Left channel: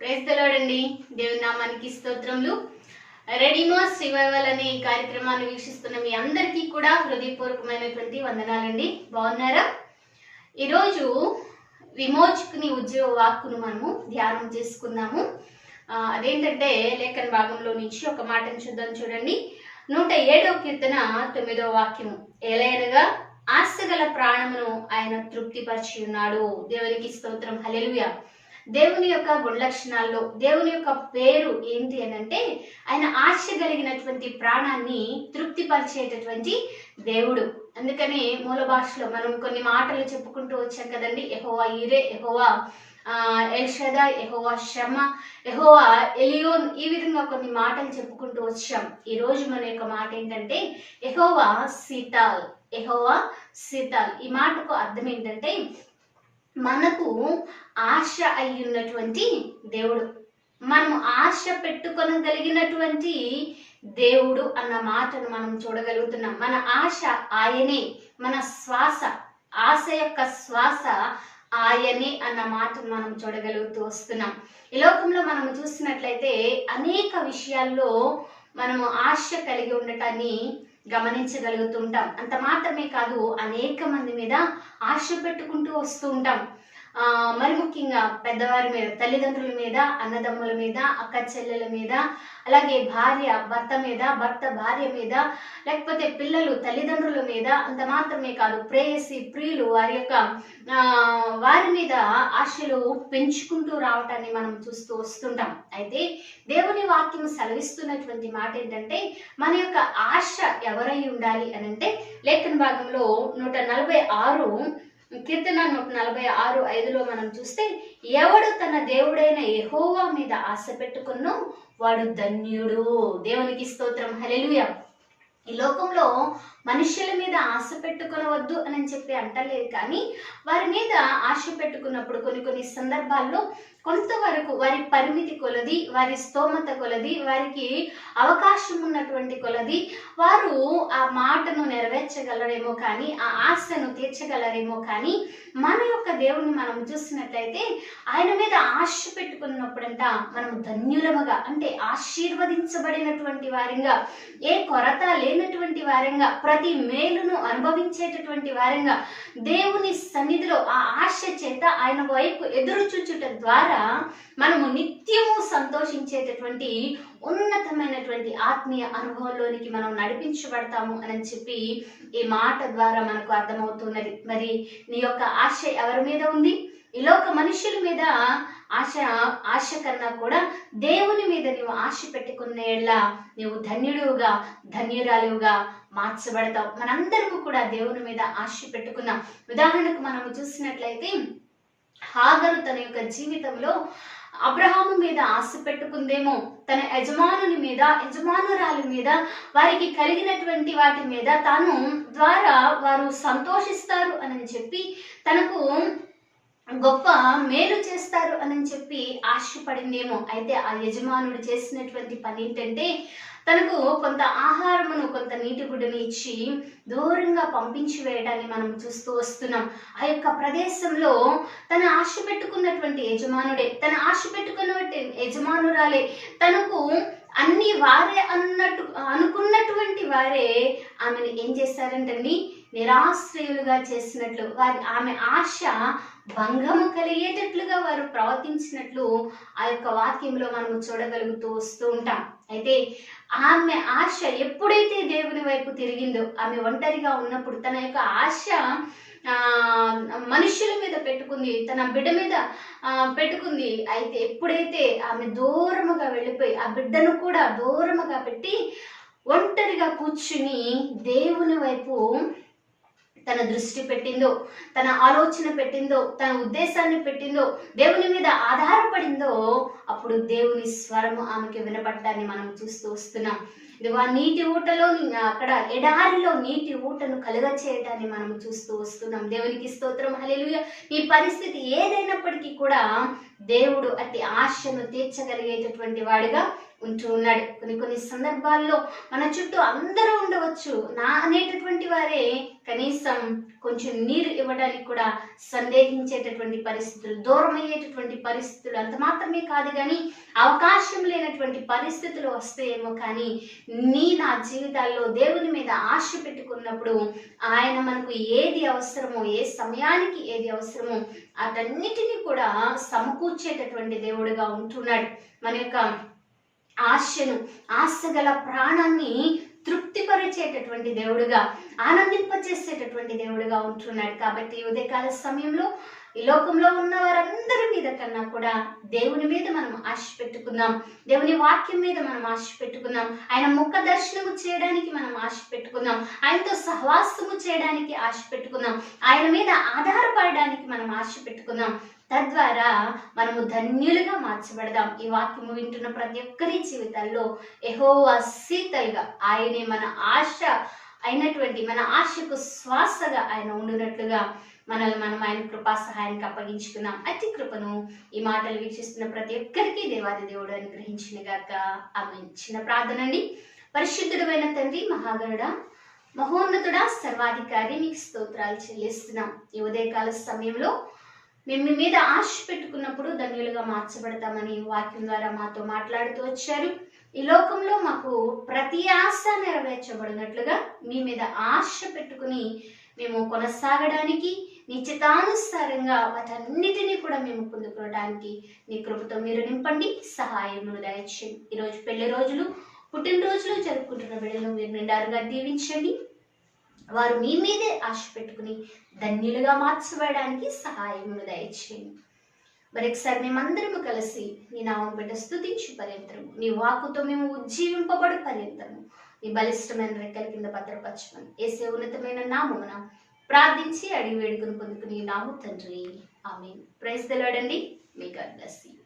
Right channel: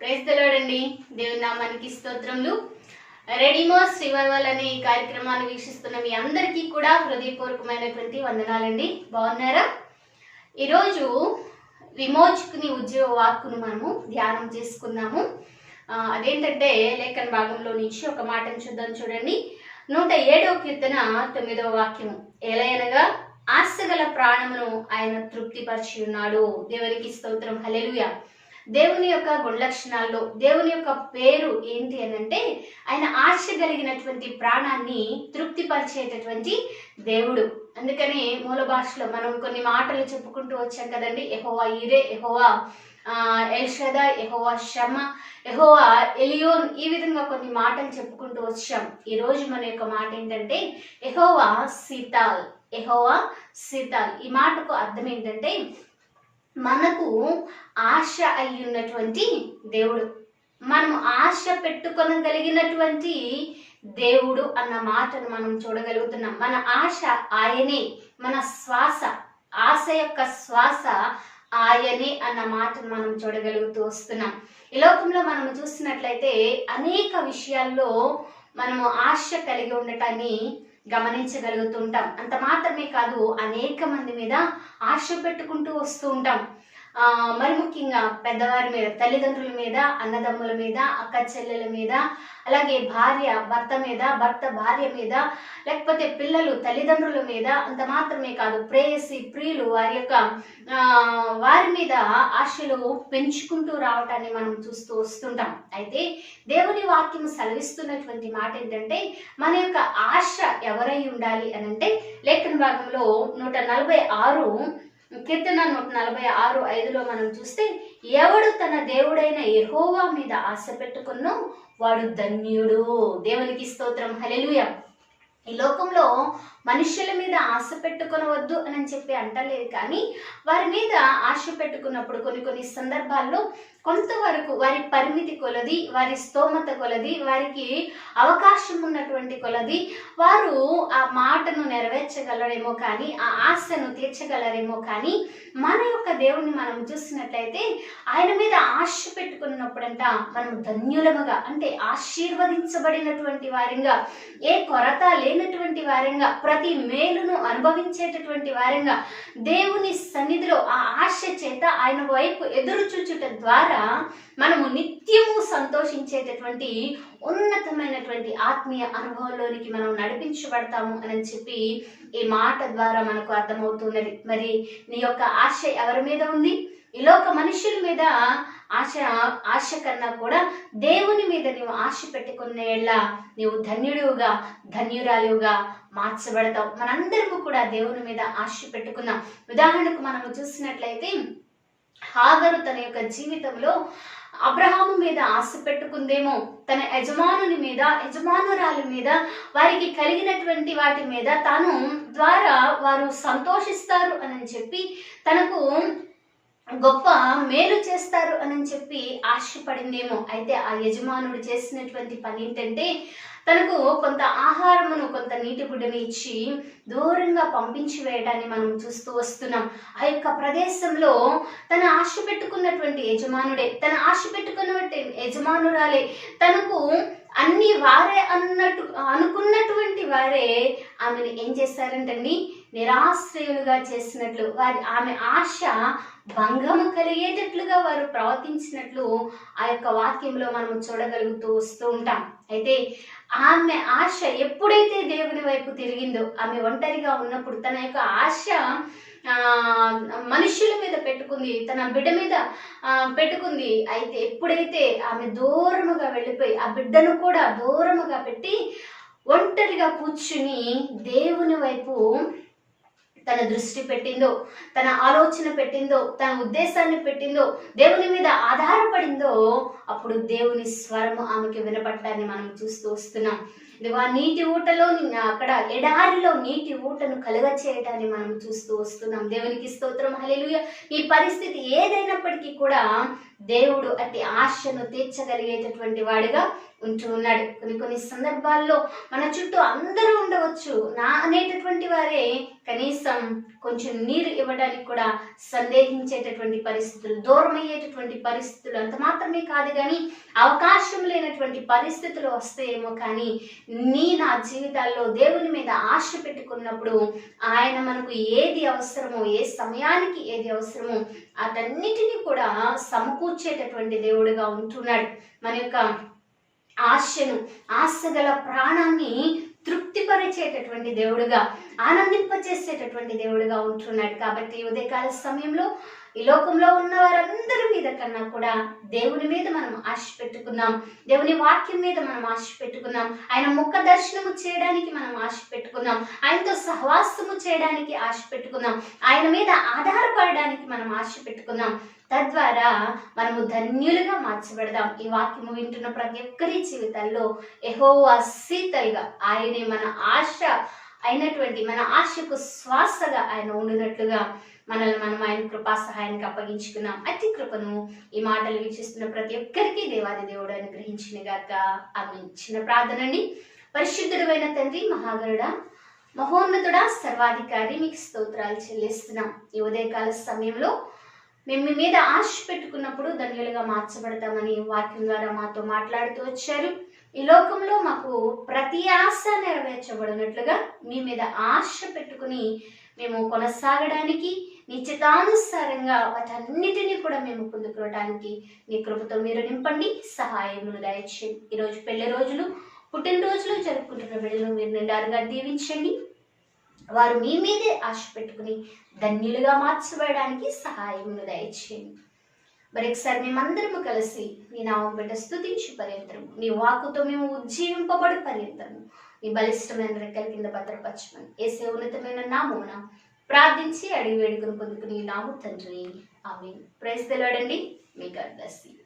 Praise the lord అండి. దేవుని నామానికి స్తోత్రములు. రెడీమర్స్ రివైవల్ అనే ఈ కార్యక్రమాన్ని వీక్షిస్తున్న మీ అందరికీ కూడా హృదయపూర్వకమైనటువంటి వందనాలండి. బాగున్నారా? ఈరోజు విమోచకుని ఉద్యోగ వాక్కును మనము ధ్యానం చేసుకుందాము. అదేంటంటే లేఖన భాగంలో నుంచి ఒక మాటను చూద్దాం. చూడండి, 107వ కీర్తన 9వ వాక్యము. ఎలయనగా ఆశగల ప్రాణమును ఆయన తృప్తిపరిచి ఉన్నాడు. దేవునికి స్తోత్రం. హల్లెలూయా. దేవుని యొక్క గుణలక్షణాల్లో దేవుని యొక్క పేరు ఏంటి అని అంటే ఆయన ఆశ కలిగినటువంటి ప్రాణాన్ని తృప్తిపరిచేటటువంటి దేవుడు. అందుకని మూల భాషలో మనం కొన్ని మాటలు చెప్పుకుంటూ వచ్చాం కదండి. యెహోవా ఈరే, యెహోవా ఎల్షదా, యెహోవా షమ్మా, యెహోవా ఎలియోన్, ఈ విధంగా కొన్ని మాటలు చెప్పుకుంటూ వచ్చాం. ఈ రోజు మన యొక్క మాట ఏంటంటే యెహోవా సితాల్. యెహోవా సితాల్ ఈ మాటకు అర్థం ఏంటంటే మనకు ఆశ అయ్యున్నటువంటి దేవుడు, మనం ఆశ పెట్టుకొనగలిగినటువంటి దేవుడు అన్న మాటను మనం చూడగలుగుతున్నాం. మన ఆశ ఆయనే, మన శ్వాస, ఆశ యొక్క శ్వాస ఆయనే అన్న మాటను మనం చూడగలుగుతూ వస్తున్నాం. ఈ లోకంలో మనం చూసినట్లయితే అనేక విషయాల్లో మనము ఆశ కలిగి ఉండటాన్ని గమనించగలుగుతుంటాం. అంత మాత్రమే కాదు, అనేక మంది మీద ఆశ పెట్టుకుంటూ వస్తూ ఉంటాం. మరి ముఖ్యంగా పెద్దవారి మీద, తల్లిదండ్రుల మీద, అన్నదమ్ముల మీద, అక్క చెల్లెల మీద, అలాగే భార్య భర్త మీద, భర్త భార్య మీద, లేకపోతే పిల్లలు తల్లిదండ్రుల మీద, అంత మాత్రమే కాదు ప్రేయసి ప్రియులు వారి మీద ఆశలు పెంచుకుంటూ రావటాన్ని మనం చూస్తూ వస్తుంటాం. అయితే దేవుని వాక్యం సెలవిస్తున్నటువంటి మాట ఏంటంటే మన యొక్క ఆశ ఎవరై ఉండాలి అని అంటే లేఖన భాగంలో 146 కీర్తన 146:5లో మనం చూస్తే, ఎవడు తన దేవుడైన యెహోవా మీద ఆశ పెట్టుకున్నో వాడు ధన్యుడు. దేవునికి స్తోత్రం. హల్లెలూయా. ఈ లోకంలో మనుషుల మీద ఆశ పెట్టుకొనవద్దు అని చెప్పి అంటలేదు, కానీ వారి మీద ఆశ పెట్టుకున్నప్పుడు కొన్ని సందర్భాల్లో కొంతవరకు వారి పరిమితి కొలది, వారి స్తోమత కొలది, వారికి అవకాశం ఉన్నటువంటి కొలది వారు ఆ మాటను నెరవేర్చగలరేమో కానీ, ఆ ఆశను తీర్చగలరేమో కానీ, మన యొక్క దేవుణ్ణి మనం చూసినట్లయితే ఆయన మీద ఆశ పెట్టుకున్నప్పుడంట మనం ధన్యులముగా, అంటే ఆశీర్వదించబడినటువంటి వారంగా, ఏ కొరత లేనటువంటి వారంగా, ప్రతి మేలును అనుభవించేటటువంటి వారంగా, దేవుని సన్నిధిలో ఆ ఆశ చేత ఆయన వైపు ఎదురు చూచుట ద్వారా మనము నిత్యము సంతోషించేటటువంటి ఉన్నతమైనటువంటి ఆత్మీయ అనుభవంలోనికి మనం నడిపించబడతాము అని చెప్పి ఈ మాట ద్వారా మనకు అర్థమవుతున్నది. మరి నీ యొక్క ఆశ ఎవరి మీద ఉంది? ఈ లోక మనుషుల మీద ఆశ కన్నా కూడా దేవుని మీద నీవు ఆశ పెట్టుకునేలా నీవు ధన్యుడుగా, ధన్యురాలుగా మార్చబడతావు. మనందరము కూడా దేవుని మీద ఆశ పెట్టుకున్నాం. ఉదాహరణకు మనము చూసినట్లయితే హాగరు తన యొక్క జీవితంలో అబ్రహాము మీద ఆశ పెట్టుకుందేమో, తన యజమానుని మీద, యజమానురాలి మీద, వారికి కలిగినటువంటి వాటి మీద తాను ద్వారా వారు సంతోషిస్తారు అని చెప్పి, తనకు గొప్ప మేలు చేస్తారు అని చెప్పి ఆశపడిందేమో. అయితే ఆ యజమానుడు చేసినటువంటి పని ఏంటంటే తనకు కొంత ఆహారమును, కొంత నీటి గుడ్డని ఇచ్చి దూరంగా పంపించి వేయడాన్ని మనం చూస్తూ వస్తున్నాం. ఆ యొక్క ప్రదేశంలో తన ఆశ పెట్టుకున్నటువంటి యజమానుడే, తన ఆశ పెట్టుకున్నటువంటి యజమానురాలే, తనకు అన్ని వారే అనుకున్నటువంటి వారే ఆమెను ఏం చేశారంటండి, నిరాశ్రయులుగా చేసినట్లు, ఆమె ఆశ భంగము కలిగేటట్లుగా వారు ప్రవర్తించినట్లు ఆ యొక్క వాక్యంలో మనం చూడగలుగుతూ వస్తూ ఉంటాం. అయితే ఆమె ఆశ ఎప్పుడైతే దేవుని వైపు తిరిగిందో, ఆమె ఒంటరిగా ఉన్నప్పుడు తన యొక్క ఆశ మనుషుల మీద పెట్టుకుంది, తన బిడ్డ మీద పెట్టుకుంది. అయితే ఎప్పుడైతే ఆమె దూరముగా వెళ్ళిపోయి ఆ బిడ్డను కూడా దూరముగా పెట్టి ఒంటరిగా కూర్చుని దేవుని వైపు తన దృష్టి పెట్టిందో, తన ఆలోచన పెట్టిందో, తన ఉద్దేశాన్ని పెట్టిందో, దేవుని మీద ఆధారపడిందో, అప్పుడు దేవుని స్వరము ఆమెకి వినపడటాన్ని మనం చూస్తూ వస్తున్నాం. ఇదిగో నీటి ఊటలో, అక్కడ ఎడారిలో నీటి ఊటను కలుగ చేయడాన్ని మనం చూస్తూ వస్తున్నాం. దేవునికి స్తోత్రం. హల్లెలూయా. ఈ పరిస్థితి ఏదైనప్పటికీ కూడా దేవుడు అతి ఆశను తీర్చగలిగేటటువంటి వాడిగా ఉంటూ ఉన్నాడు. కొన్ని సందర్భాల్లో మన చుట్టూ అందరూ ఉండవచ్చు, నా అనేటటువంటి వారే కనీసం కొంచెం నీరు ఇవ్వడానికి కూడా సందేహించేటటువంటి పరిస్థితులు, దూరం అయ్యేటటువంటి పరిస్థితులు, అంత మాత్రమే కాదు కానీ అవకాశం లేనటువంటి పరిస్థితులు వస్తాయేమో, కానీ నా జీవితాల్లో దేవుని మీద ఆశ పెట్టుకున్నప్పుడు ఆయన మనకు ఏది అవసరమో, ఏ సమయానికి ఏది అవసరమో అటన్నిటినీ కూడా సమకూర్చేటటువంటి దేవుడుగా ఉంటున్నాడు. మన యొక్క ఆశను, ఆశగల ప్రాణాన్ని తృప్తిపరిచేటటువంటి దేవుడుగా, ఆనందింపచేసేటటువంటి దేవుడుగా ఉంటున్నాడు. కాబట్టి ఉదయకాల సమయంలో ఈ లోకంలో ఉన్న వారందరి మీద కన్నా కూడా దేవుని మీద మనం ఆశ పెట్టుకుందాం, దేవుని వాక్యం మీద మనం ఆశ పెట్టుకుందాం, ఆయన ముఖ దర్శనము చేయడానికి మనం ఆశ పెట్టుకుందాం, ఆయనతో సహవాసము చేయడానికి ఆశ పెట్టుకుందాం, ఆయన మీద ఆధారపడడానికి మనం ఆశ పెట్టుకుందాం. తద్వారా మనము ధన్యులుగా మార్చబడదాం. ఈ వాక్యము వింటున్న ప్రతి ఒక్కరి జీవితాల్లో యెహోవా శీతల్గా, ఆయనే మన ఆశ అయినటువంటి, మన ఆశకు శ్వాసగా ఆయన ఉండినట్లుగా మనల్ని మనం ఆయన కృపా సహాయానికి అప్పగించుకున్నాం. అతి కృపను ఈ మాటలు వీక్షిస్తున్న ప్రతి ఒక్కరికి దేవాది దేవుడు అనుగ్రహించిన గాక. ఆమేన్. చిన్న ప్రార్థన అండి. పరిశుద్ధుడైన తండ్రి, మహాగరుడ, మహోన్నతుడా, సర్వాధికారి, మీకు స్తోత్రాలు చెల్లిస్తున్నాం. ఈ ఉదయకాల సమయంలో మేము మీ మీద ఆశ పెట్టుకున్నప్పుడు ధన్యులుగా మార్చబడతామని వాక్యం ద్వారా మాతో మాట్లాడుతూ వచ్చారు. ఈ లోకంలో మాకు ప్రతి ఆశ నెరవేర్చబడినట్లుగా మీ మీద ఆశ పెట్టుకుని మేము కొనసాగడానికి, నీ చిత్తానుసారంగా వాటన్నిటినీ కూడా మేము పొందుకోవడానికి నీ కృపతో మీరు నింపండి, సహాయమును దయచేయండి. ఈరోజు పెళ్లి రోజులు, పుట్టినరోజులు జరుపుకుంటున్న బిడ్డలను మీరు నిండారుగా దీవించండి. వారు మీ మీదే ఆశ పెట్టుకుని ధన్యులుగా మార్చబడడానికి సహాయమును దయచేయండి. మరొకసారి మేమందరము కలిసి నీ నామం బిడ్డ స్తుతించు పర్యంతరము, నీ వాక్కుతో మేము ఉజ్జీవింపబడు పర్యంతరము నీ బలిష్టమైన రెక్కల కింద భద్రపరచమని యేసు ఉన్నతమైన నామమున ప్రార్థించి అడిగి వేడుకను పొందుకుని నాము తండ్రి. ఆమేన్. ప్రైజ్ ది లార్డ్ అండి. మీ గాడ్ బ్లెస్ యు.